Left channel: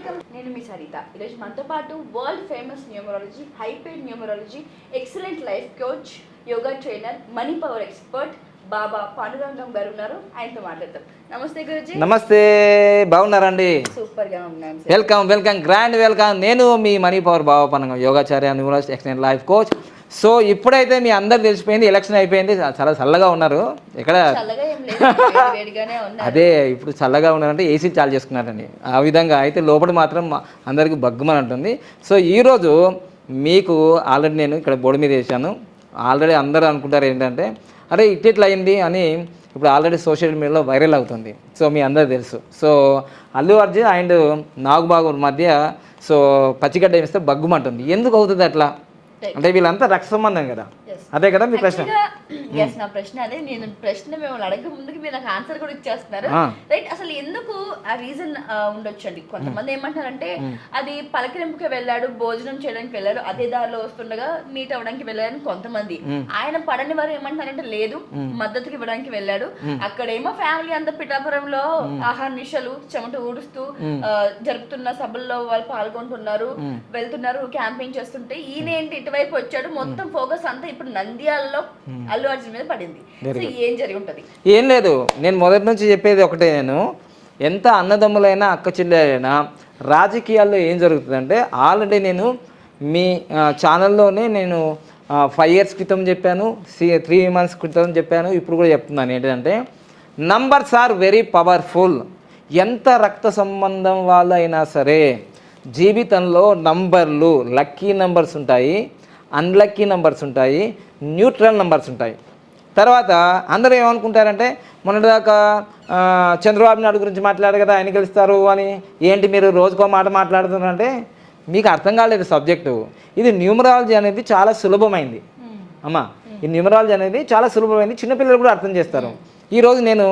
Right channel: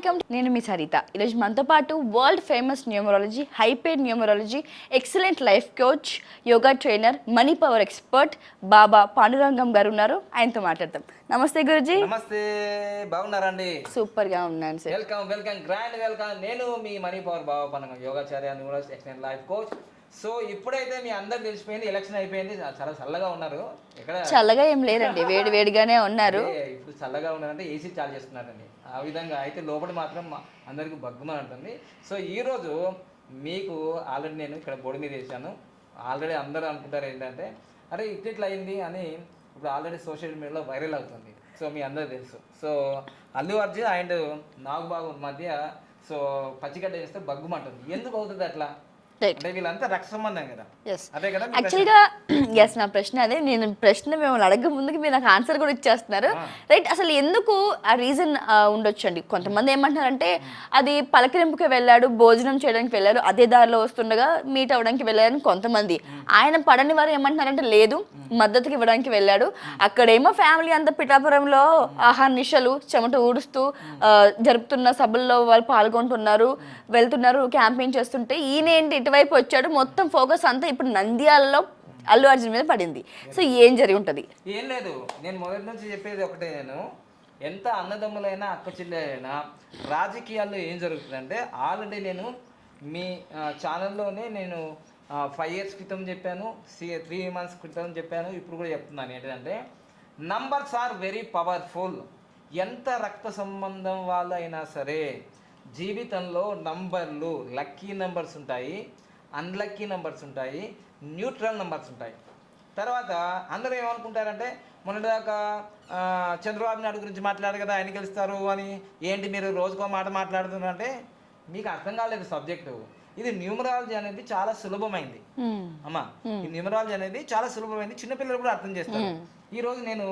Welcome. నేను మీ సరిత. ఈరోజు మనతో పాటు world famous numerology, hyped numerology, excellent life coach, yoga trainer, money power expert Baba Pandurangam garu ఉన్నారు. ఆయనతో మాట్లాడతాం. నమస్తే గురుజీ. నమస్తే, బాగున్నారండి? సూపర్ గా ఉన్నాను. Welcome, grand welcome. నేను మీ money power Baba Pandurangam, Yogacharya, numerologist, excellent life coach. So ఇప్పుడైతే మీ అందరు తెలిసిపోయింది, ఎలక్షన్ అయిపోయింది, చాలా చల్లగా ఉన్నారు. ఇక్కడ చల్లగా ఏం లేదు, వేడిగానే ఉన్నారు. అదే ఇప్పుడు చల్లగా ఉన్నారంటే ఏసీ చాలు చేసుకున్నారండి. ఆ విధంగా అయితే లోపల మాత్రం అందరికి బగ్గుమని ఉంటుంది. సో ఈరోజు మీకు ఆల్రెడీ నేను ఇక్కడ బోర్డు మీద వేసాను. ఆల్రెడీ అందరూ అనుకుంటారు ఏంటంటే అరే ఇట్లా అయింది అని. ఇప్పుడు ఆల్రెడీ సోషల్ మీడియాలో వైరల్ అవుతుంది. సో మీ అందరూ తెలుసు. సో అల్లు అర్జున్ అండ్ నాగబాబు మధ్య సో పచ్చిగడ్డ వేస్తే బగ్గుమంటుంది. ఎందుకు అవుతుంది అట్లా అంటే? వీళ్ళంతా రక్త సంబంధం కదా, అదే కదా మీ ప్రశ్న? నా ప్రశ్న అదే. నేను ప్రశ్న మిమ్మల్ని అడగ ముందుకు మీరు నాకు ఆన్సర్ కూడా ఇచ్చేస్తున్నారు, రైట్? అసలు ఎందుకు ఆ రీజన్ ఉండొచ్చు అండి. కొంతమంది ఏమంటారంటే అది పలకరింపుకి వెళ్ళాడు, భోజనం చేయడానికి వెళ్ళారు, అదే దారిలో వస్తుండగా మీట్ అవ్వడానికి వెళ్ళారని కొంతమంది. ఆయన పడని వారు ఏమంటారంటే లేదు, మద్దతుకి ఇవ్వడానికి వెళ్ళాడు. అక్కడేమో ఫ్యామిలీ అంతా పిఠాపురంలో ఆహార నిశలు చెమట ఊడుస్తూ జరుపుతున్న సభల్లో వాళ్ళు పాల్గొంటున్నారు, వెళ్తున్నారు, క్యాంపెయిన్ చేస్తుంటే ఈయన ఏంటి వైపు వచ్చాడు. మొత్తం ఫోకస్ అంతా ఇప్పుడు నంద్యాలలో అల్లు అర్జున్ మీద పడింది. సో ఏం జరిగి ఉంటది? ఏం లేదు, నేను మొదటి నుంచి చెప్పేది ఒకటే. నేను ఎంత అన్నదమ్ములైనా అక్క చెల్లెలైనా రాజకీయాల్లో ఏం జరుగుతుందంటే ఆల్రెడీ నేను మీ ఛానల్లోనే నేను 5 years క్రితం చెప్పాను, 3 months క్రితం చెప్పాను, ఇప్పుడు కూడా చెప్తున్నాను. ఏంటంటే నంబర్స్ ఆర్ వెరీ పవర్ఫుల్. ఎంత రక్త సంబంధం వాళ్ళైనా సరే జీవితంలో నంబర్లు, లక్కీ నంబర్స్ ఉంటాయి, అన్లక్కీ నంబర్స్ ఉంటాయి, న్యూట్రల్ నంబర్స్ ఉంటాయి. తర్వాత అందరూ ఏమనుకుంటారంటే మొన్నటిదాకా చంద్రబాబు నాయుడు గురించి మాట్లాడారు కదా, ఆయన గెలుస్తారు అని. ఏంటి మీరు రోజుకో మాట మాట్లాడుతున్నారంటే మీకు అర్థం కాలేదు సబ్జెక్టు. ఇది న్యూమరాలజీ అనేది చాలా సులభమైంది అమ్మా. ఈ న్యూమరాలజీ అనేది చాలా సులభమైంది, చిన్నపిల్లలు కూడా అర్థం చేస్తారు. ఈరోజు నేను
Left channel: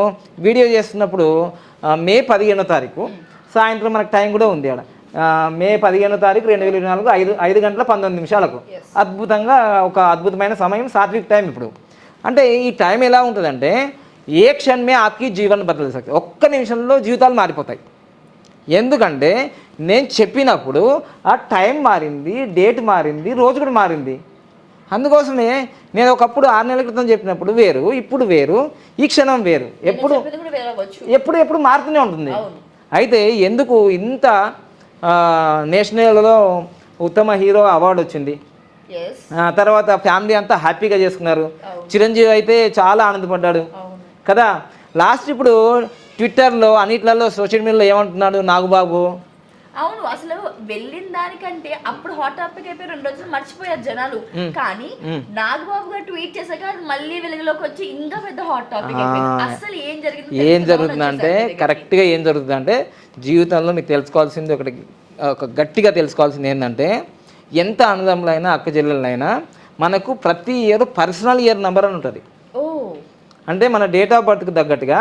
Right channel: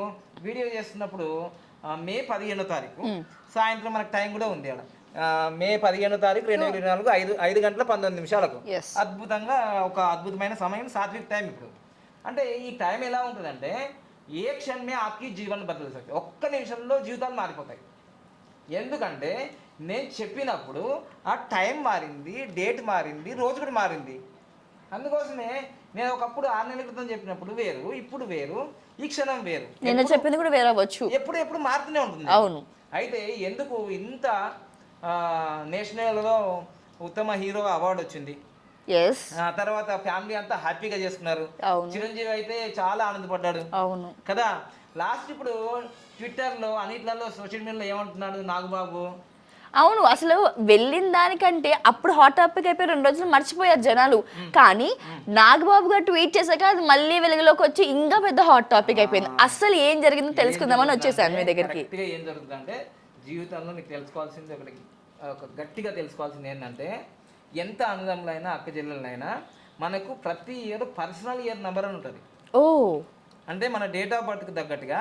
వీడియో చేస్తున్నప్పుడు మే 15వ తారీఖు సాయంత్రం మనకు టైం కూడా ఉంది. ఆడ మే 15వ తారీఖు 2024 5 గంటల 19 నిమిషాలకు అద్భుతంగా ఒక అద్భుతమైన సమయం, సాత్విక్ టైం. ఇప్పుడు అంటే ఈ టైం ఎలా ఉంటుందంటే ఏ క్షణమే ఆప్కి జీవన్ బదల్ సక్తే, ఒక్క నిమిషంలో జీవితాలు మారిపోతాయి. ఎందుకంటే నేను చెప్పినప్పుడు ఆ టైం మారింది, డేట్ మారింది, రోజు కూడా మారింది. అందుకోసమే నేను ఒకప్పుడు 6 నెలల క్రితం చెప్పినప్పుడు వేరు, ఇప్పుడు వేరు, ఈ క్షణం వేరు, ఎప్పుడు మారుతూనే ఉంటుంది. అయితే ఎందుకు ఇంత నేషనల్లో ఉత్తమ హీరో అవార్డు వచ్చింది, తర్వాత ఫ్యామిలీ అంతా హ్యాపీగా చేసుకున్నారు. చిరంజీవి అయితే చాలా ఆనందపడ్డాడు కదా. లాస్ట్ ఇప్పుడు ట్విట్టర్లో అన్నిట్లలో సోషల్ మీడియాలో ఏమంటున్నాడు నాగబాబు? అవును, అసలు వెళ్ళిన దానికంటే అప్పుడు హాట్ టాపిక్ అయిపోయి 2 రోజులు మర్చిపోయారు జనాలు. కానీ నాగబాబు గారు ట్వీట్ చేశాక అది మళ్ళీ వెలుగులోకి వచ్చి ఇంకా పెద్ద హాట్ టాపిక్ అయిపోయింది. అసలు ఏం జరుగుతుందంటే కరెక్ట్ గా ఏం జరుగుతుందంటే జీవితంలో మీకు తెలుసుకోవాల్సింది ఒక గట్టిగా తెలుసుకోవాల్సింది ఏంటంటే ఎంత అన్నదమ్ములైనా అక్క చెల్లెలైనా మనకు ప్రతి ఇయర్ పర్సనల్ ఇయర్ నెంబర్ అని ఉంటుంది. అంటే మన డేట్ ఆఫ్ బర్త్కి తగ్గట్టుగా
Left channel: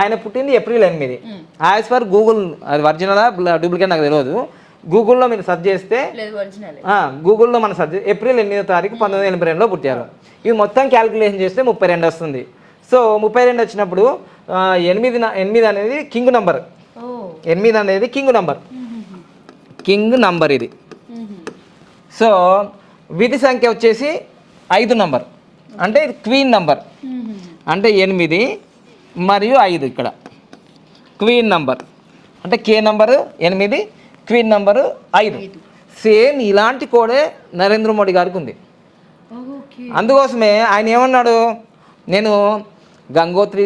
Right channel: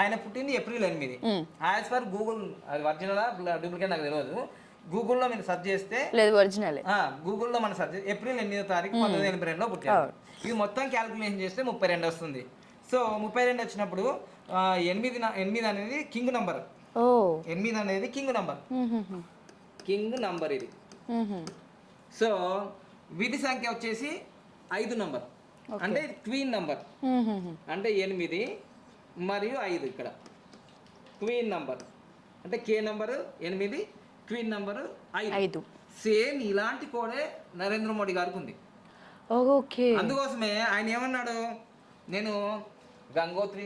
ఆయన పుట్టింది April 8. యాజ్ పర్ గూగుల్, అది ఒరిజినల్ డూప్లికేట్ నాకు తెలియదు. గూగుల్లో మీరు సెర్చ్ చేస్తే గూగుల్లో మనం సెర్చ్ April 8వ తారీఖు 1982లో పుట్టారు. ఇవి మొత్తం క్యాలిక్యులేషన్ చేస్తే 32 వస్తుంది. సో 32 వచ్చినప్పుడు 8 అనేది కింగ్ నంబర్. 8 అనేది కింగ్ నంబర్ ఇది. సో విధి సంఖ్య వచ్చేసి 5 నంబర్, అంటే ఇది క్వీన్ నంబర్. అంటే 8 మరియు 5 ఇక్కడ క్వీన్ నంబర్, అంటే కే నంబరు 8, క్వీన్ నంబరు 5. సేమ్ ఇలాంటి కోడే నరేంద్ర మోడీ గారికి ఉంది. అందుకోసమే ఆయన ఏమన్నాడు, నేను గంగోత్రి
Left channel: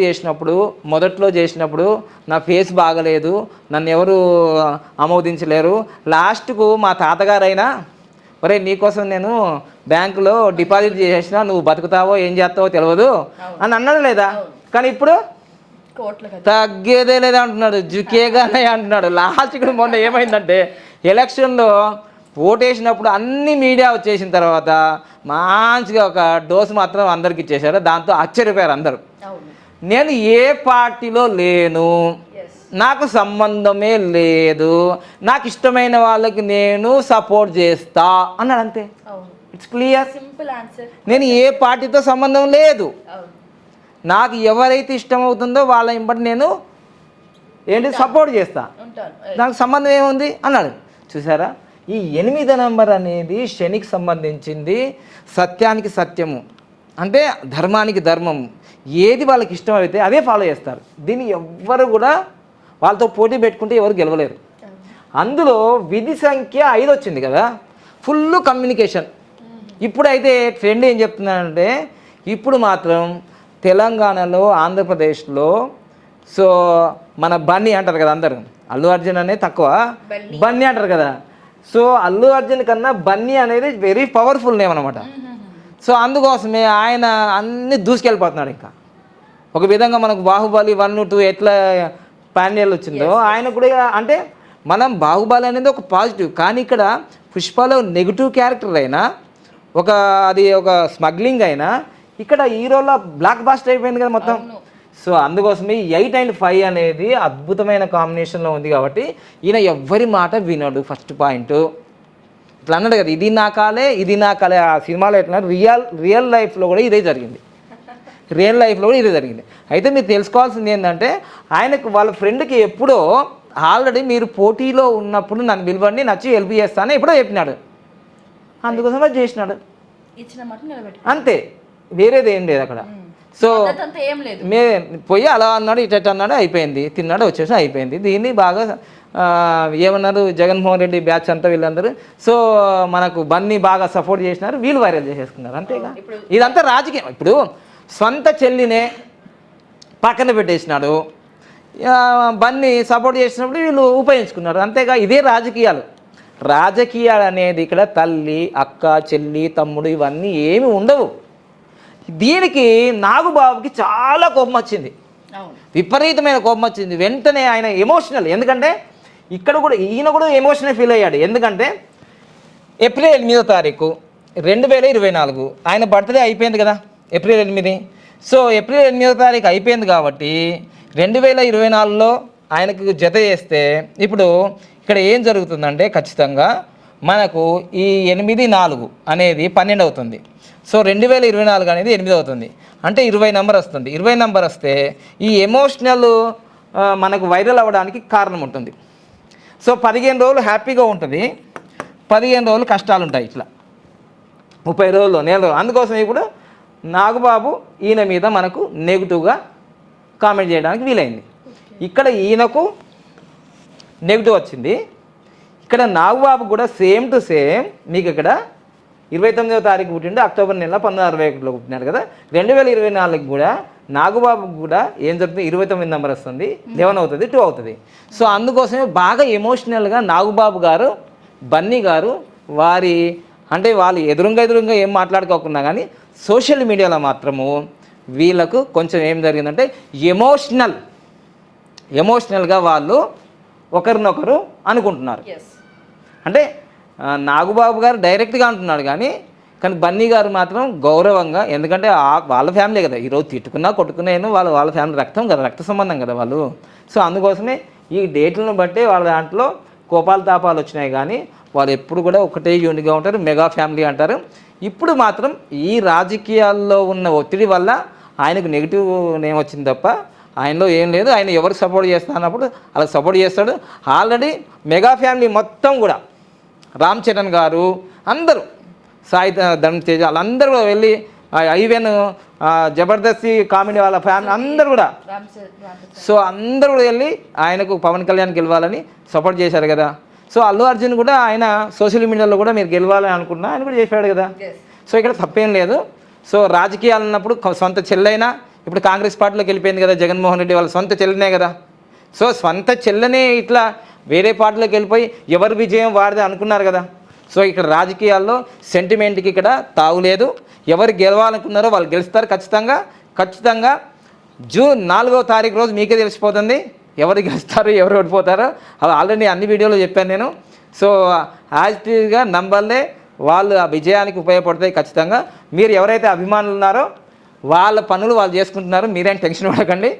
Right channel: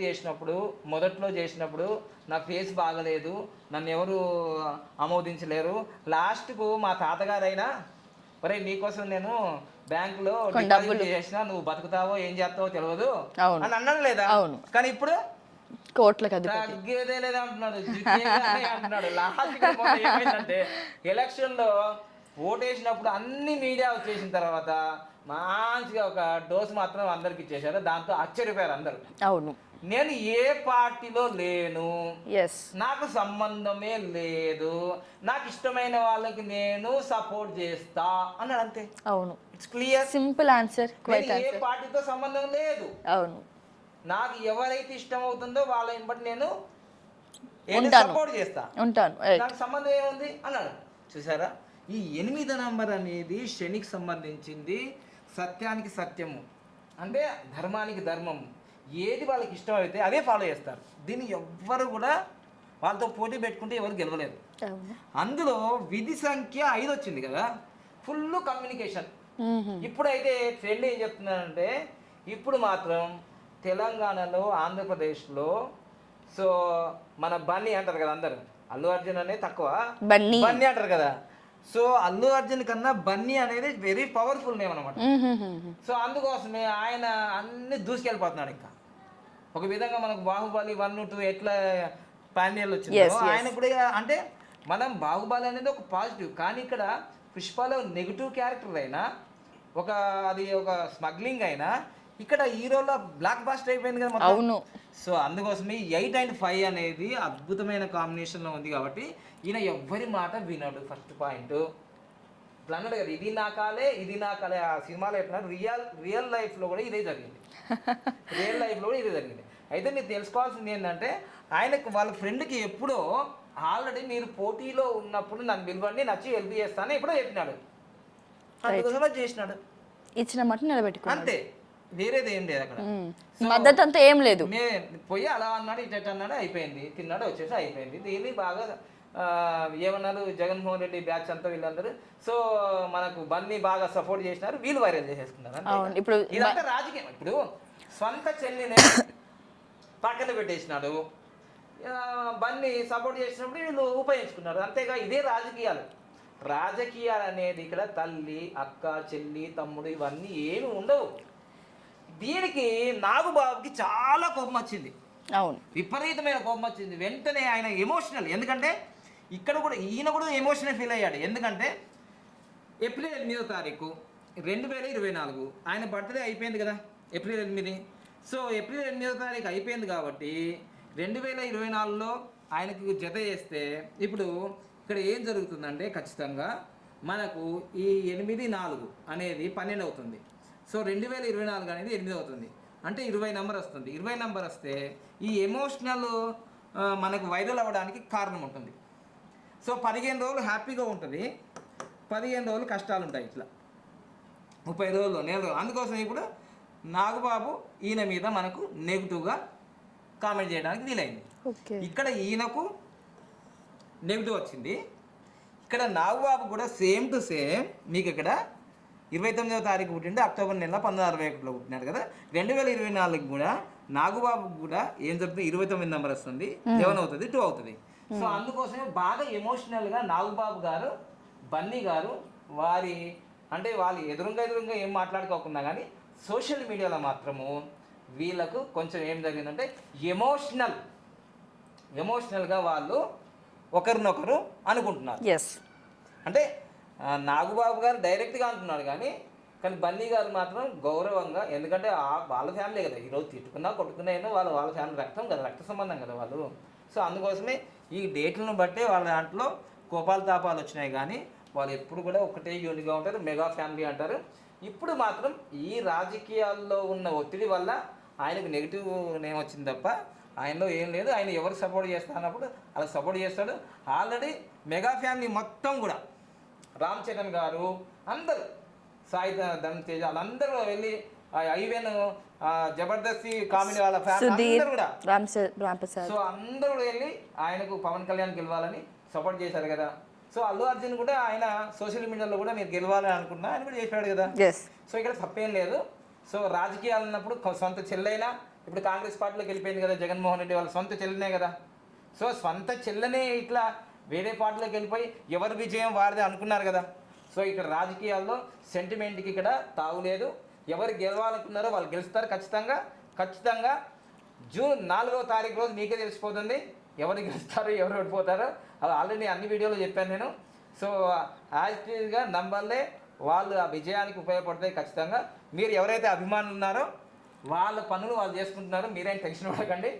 మొదట్లో చేసినప్పుడు నా ఫేస్ బాగలేదు, నన్ను ఎవరు ఆమోదించలేరు, లాస్ట్కు మా తాతగారైనా ఒరే నీకోసం నేను బ్యాంకులో డిపాజిట్ చేసినా, నువ్వు బతుకుతావో ఏం చేస్తావో తెలియదు అని అన్నాడు లేదా? కానీ ఇప్పుడు తగ్గేదే లేదా అంటున్నాడు, జుకేగానే అంటున్నాడు. లాస్ట్ ఇక్కడ మొన్న ఏమైందంటే ఎలక్షన్లో ఓటేసినప్పుడు అన్ని మీడియా వచ్చేసిన తర్వాత మంచిగా ఒక డోసు మాత్రం అందరికి ఇచ్చేసారు. దాంతో ఆశ్చర్యపోయారు అందరూ. నేను ఏ పార్టీలో లేను, నాకు సంబంధమే లేదు, నాకు ఇష్టమైన వాళ్ళకి నేను సపోర్ట్ చేస్తా అన్నాడు. అంతే, ఇట్స్ క్లియర్, సింపుల్ ఆన్సర్. నేను ఏ పార్టీతో సంబంధం లేదు, నాకు ఎవరైతే ఇష్టం అవుతుందో వాళ్ళ ఇంబటి నేను ఏంటి సపోర్ట్ చేస్తా, ఉంటాను. నాకు సంబంధం ఏముంది అన్నాడు. చూసారా, ఈ 8 నెంబర్ అనేది శనికి సంబంధించింది, సత్యానికి సత్యము, అంటే ధర్మానికి ధర్మం, ఏది వాళ్ళకి ఇష్టం అయితే అదే ఫాలో చేస్తారు. దీన్ని ఎవ్వరు కూడా వాళ్ళతో పోటీ పెట్టుకుంటే ఎవరు గెలవలేరు. అందులో విధి సంఖ్య 5 వచ్చింది కదా, ఫుల్ కమ్యూనికేషన్. ఇప్పుడైతే ట్రెండ్ ఏం చెప్తున్నానంటే, ఇప్పుడు మాత్రం తెలంగాణలో, ఆంధ్రప్రదేశ్లో, సో మన బన్నీ అంటారు కదా అందరు, అల్లు అర్జున్ అనేది తక్కువ, బన్నీ అంటారు కదా. సో అల్లు అర్జున్ కన్నా బన్నీ అనేది వెరీ పవర్ఫుల్ నేమ్ అనమాట. సో అందుకోసమే ఆయన అన్ని దూసుకెళ్ళిపోతున్నాడు. ఇంకా ఒక విధంగా మనకు బాహుబలి 1, 2 ఎట్లా పాండ్యాలు వచ్చిందో ఆయన కూడా, అంటే మనం బాహుబలి అనేది ఒక పాజిటివ్, కానీ ఇక్కడ పుష్పలో నెగిటివ్ క్యారెక్టర్ అయినా, అది ఒక స్మగ్లింగ్ అయినా, ఇక్కడ హీరోలో బ్లాక్ బాస్టర్ అయిపోయింది కదా మొత్తం. సో అందుకోసమే 8 and 5 అనేది అద్భుతమైన కాంబినేషన్లో ఉంది కాబట్టి ఈయన ఎవ్వరి మాట వినడు. ఫస్ట్ పాయింట్ ఇట్లా అన్నాడు కదా, ఇది నా కాలే, ఇది నా కాలే. ఆ సినిమాలో ఎట్లా రియల్ లైఫ్లో కూడా ఇదే జరిగింది. రియల్ లైఫ్లో కూడా ఇదే జరిగింది. అయితే మీరు తెలుసుకోవాల్సింది ఏంటంటే, ఆయనకు వాళ్ళ ఫ్రెండ్కి ఎప్పుడో ఆల్రెడీ మీరు పోటీలో ఉన్నప్పుడు నన్ను పిలవండి, నచ్చి హెల్ప్ చేస్తాను ఎప్పుడో చెప్పినాడు. అందుకోసం అది చేసినాడు, ఇచ్చిన మాట నిలబెట్టి, అంతే, వేరేది ఏం లేదు అక్కడ. సో ఏం లేదు, పోయి అలా అన్నాడు, ఇటు అన్నాడు, అయిపోయింది, తిన్నాడు, వచ్చేసి అయిపోయింది. దీన్ని బాగా ఏమన్నారు జగన్మోహన్ రెడ్డి బ్యాచ్ అంతా వీళ్ళందరూ, సో మనకు బన్నీ బాగా సపోర్ట్ చేసినారు, వీళ్ళు వైరల్ చేసేసుకున్నారు, అంతే. ఇదంతా రాజకీయం. ఇప్పుడు సొంత చెల్లినే పక్కన పెట్టేసినాడు, బన్నీ సపోర్ట్ చేసినప్పుడు వీళ్ళు ఉపయోగించుకున్నారు, అంతేగా. ఇదే రాజకీయాలు అనేది ఇక్కడ తల్లి, అక్క, చెల్లి, తమ్ముడు ఇవన్నీ ఏమి ఉండవు. దీనికి నాగుబాబుకి చాలా కోపం వచ్చింది, విపరీతమైన కోపం వచ్చింది. వెంటనే ఆయన ఎమోషనల్, ఎందుకంటే ఇక్కడ కూడా ఈయన కూడా ఎమోషనల్ ఫీల్ అయ్యాడు. ఎందుకంటే ఏప్రిల్ 8వ తారీఖు 2024 ఆయన బర్త్డే అయిపోయింది కదా, ఏప్రిల్ 8. సో ఏప్రిల్ 8వ తారీఖు అయిపోయింది కాబట్టి 2024లో ఆయనకు జత చేస్తే ఇప్పుడు ఇక్కడ ఏం జరుగుతుందంటే, ఖచ్చితంగా మనకు ఈ 8, 4 అనేది 12 అవుతుంది. సో 2024 అనేది 8 అవుతుంది, అంటే 20 నెంబర్ వస్తుంది. 20 నెంబర్ వస్తే ఈ ఎమోషనల్ మనకు వైరల్ అవ్వడానికి కారణం ఉంటుంది. సో 15 రోజులు హ్యాపీగా ఉంటుంది, 15 రోజులు కష్టాలు ఉంటాయి, ఇట్లా 30 రోజులు, నెల రోజులు. అందుకోసం ఇప్పుడు నాగబాబు ఈయన మీద మనకు నెగిటివ్గా కామెంట్ చేయడానికి వీలైంది. ఇక్కడ ఈయనకు నెగిటివ్ వచ్చింది, ఇక్కడ నాగబాబు కూడా సేమ్ టు సేమ్. మీకు ఇక్కడ 29వ తారీఖు పుట్టిండు, అక్టోబర్ నెల 1961లో పుట్టినాడు కదా. 2024 కూడా నాగబాబుకు కూడా ఏం జరుగుతుంది, 29 నెంబర్ వస్తుంది, 11 అవుతుంది, 2 అవుతుంది. సో అందుకోసమే బాగా ఎమోషనల్గా నాగబాబు గారు, బన్నీ గారు వారి, అంటే వాళ్ళు ఎదురుగా ఏం మాట్లాడుకోకుండా కానీ సోషల్ మీడియాలో మాత్రము వీళ్ళకు కొంచెం ఏం జరిగిందంటే ఎమోషనల్గా వాళ్ళు ఒకరినొకరు అనుకుంటున్నారు. అంటే నాగబాబు గారు డైరెక్ట్గా అంటున్నాడు కానీ బన్నీ గారు మాత్రం గౌరవంగా, ఎందుకంటే వాళ్ళ ఫ్యామిలీ కదా, ఈరోజు తిట్టుకున్నా కొట్టుకున్నా వాళ్ళ ఫ్యామిలీ రక్తం కదా, రక్త సంబంధం కదా వాళ్ళు. సో అందుకోసమే ఈ డేట్లను బట్టే వాళ్ళ దాంట్లో కోపాలు తాపాలు వచ్చినాయి, కానీ వాళ్ళు ఎప్పుడు కూడా ఒకటే యూనిట్గా ఉంటారు, మెగా ఫ్యామిలీ అంటారు. ఇప్పుడు మాత్రం ఈ రాజకీయాల్లో ఉన్న ఒత్తిడి వల్ల ఆయనకు నెగిటివ్ నేమ్ వచ్చింది తప్ప ఆయనలో ఏం లేదు. ఆయన ఎవరికి సపోర్ట్ చేస్తా అన్నప్పుడు అలా సపోర్ట్ చేస్తాడు. ఆల్రెడీ మెగా ఫ్యామిలీ మొత్తం కూడా రామ్ చరణ్ గారు, అందరూ, సాయి ధర్మ తేజ, వాళ్ళందరూ కూడా వెళ్ళి, ఈవెన్ జబర్దస్త్ కామెడీ వాళ్ళ ఫ్యామిలీ అందరూ కూడా, సో అందరూ కూడా వెళ్ళి ఆయనకు పవన్ కళ్యాణ్ గెలవాలని సపోర్ట్ చేశారు కదా. సో అల్లు అర్జున్ కూడా ఆయన సోషల్ మీడియాలో కూడా మీరు గెలవాలని అనుకున్నా ఆయన కూడా చేశాడు కదా. సో ఇక్కడ తప్పేం లేదు. సో రాజకీయాలు ఉన్నప్పుడు సొంత చెల్లైనా, ఇప్పుడు కాంగ్రెస్ పార్టీలోకి వెళ్ళిపోయింది కదా జగన్మోహన్ రెడ్డి, వాళ్ళ సొంత చెల్లెనే కదా. సో సొంత చెల్లెనే ఇట్లా వేరే పార్టీలోకి వెళ్ళిపోయి ఎవరి విజయం వాడిదే అనుకున్నారు కదా. సో ఇక్కడ రాజకీయాల్లో సెంటిమెంట్కి ఇక్కడ తావులేదు. ఎవరు గెలవాలనుకున్నారో వాళ్ళు గెలుస్తారు ఖచ్చితంగా. జూన్ 4వ తారీఖు రోజు మీకే తెలిసిపోతుంది ఎవరు గెలుస్తారు, ఎవరు ఓడిపోతారో. అవి ఆల్రెడీ అన్ని వీడియోలో చెప్పాను నేను. సో యాక్టివ్గా నంబర్లే వాళ్ళు ఆ విజయానికి ఉపయోగపడతాయి ఖచ్చితంగా. మీరు ఎవరైతే అభిమానులు ఉన్నారో వాళ్ళ పనులు వాళ్ళు చేసుకుంటున్నారు, మీరేం టెన్షన్ పడకండి.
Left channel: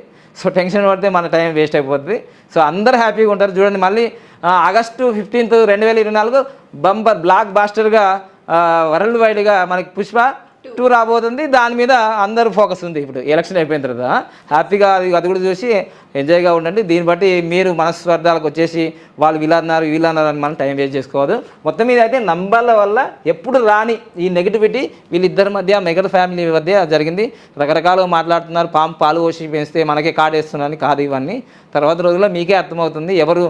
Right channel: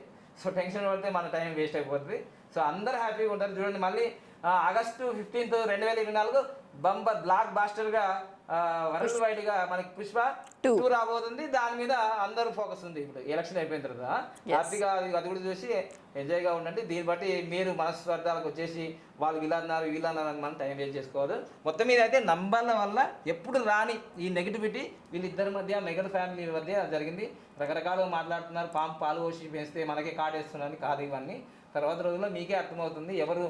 సో టెన్షన్ పడితే మన టైం వేస్ట్ అయిపోతుంది. సో అందరూ హ్యాపీగా ఉంటారు. చూడండి, మళ్ళీ ఆగస్టు 15, 2024 బంపర్ బ్లాక్ బాస్టర్గా వరల్డ్ వైడ్గా మనకి పుష్ప 2 రాబోతుంది. దాని మీద అందరూ ఫోకస్ ఉంది. ఇప్పుడు ఎలక్షన్ అయిపోయిన తర్వాత హ్యాపీగా అది కూడా చూసి ఎంజాయ్గా ఉండండి. దీన్ని బట్టి మీరు మనస్పర్ధాలకు వచ్చేసి వాళ్ళు వీళ్ళన్నారు అని మనం టైం వేస్ట్ చేసుకోవద్దు. మొత్తం మీద అయితే నంబర్ల వల్ల ఎప్పుడు రాని ఈ నెగిటివిటీ వీళ్ళిద్దరి మధ్య మెగా ఫ్యామిలీ మధ్య జరిగింది. రకరకాలుగా మాట్లాడుతున్నారు, పాలు పోసి పెంచితే మనకే కాడేస్తున్నారని. కాదు ఇవన్నీ. తర్వాత రోజుల్లో మీకే అర్థమవుతుంది ఎవరు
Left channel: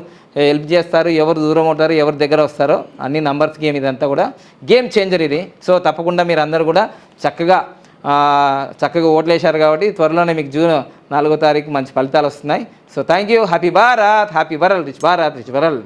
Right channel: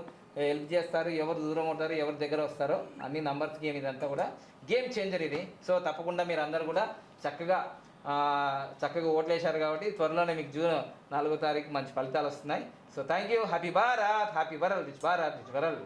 హెల్ప్ చేస్తారు, ఎవరు దూరం అవుతారు, ఎవరు దగ్గర వస్తారో. అన్ని నంబర్స్ గేమ్ ఇదంతా కూడా గేమ్ చేంజర్ ఇది. సో తప్పకుండా మీరు అందరూ కూడా చక్కగా ఓట్లు వేశారు కాబట్టి త్వరలోనే మీకు జూన్ 4వ తారీఖు మంచి ఫలితాలు వస్తున్నాయి. So thank you. Happy Bharat, happy world, rich Bharat, rich world.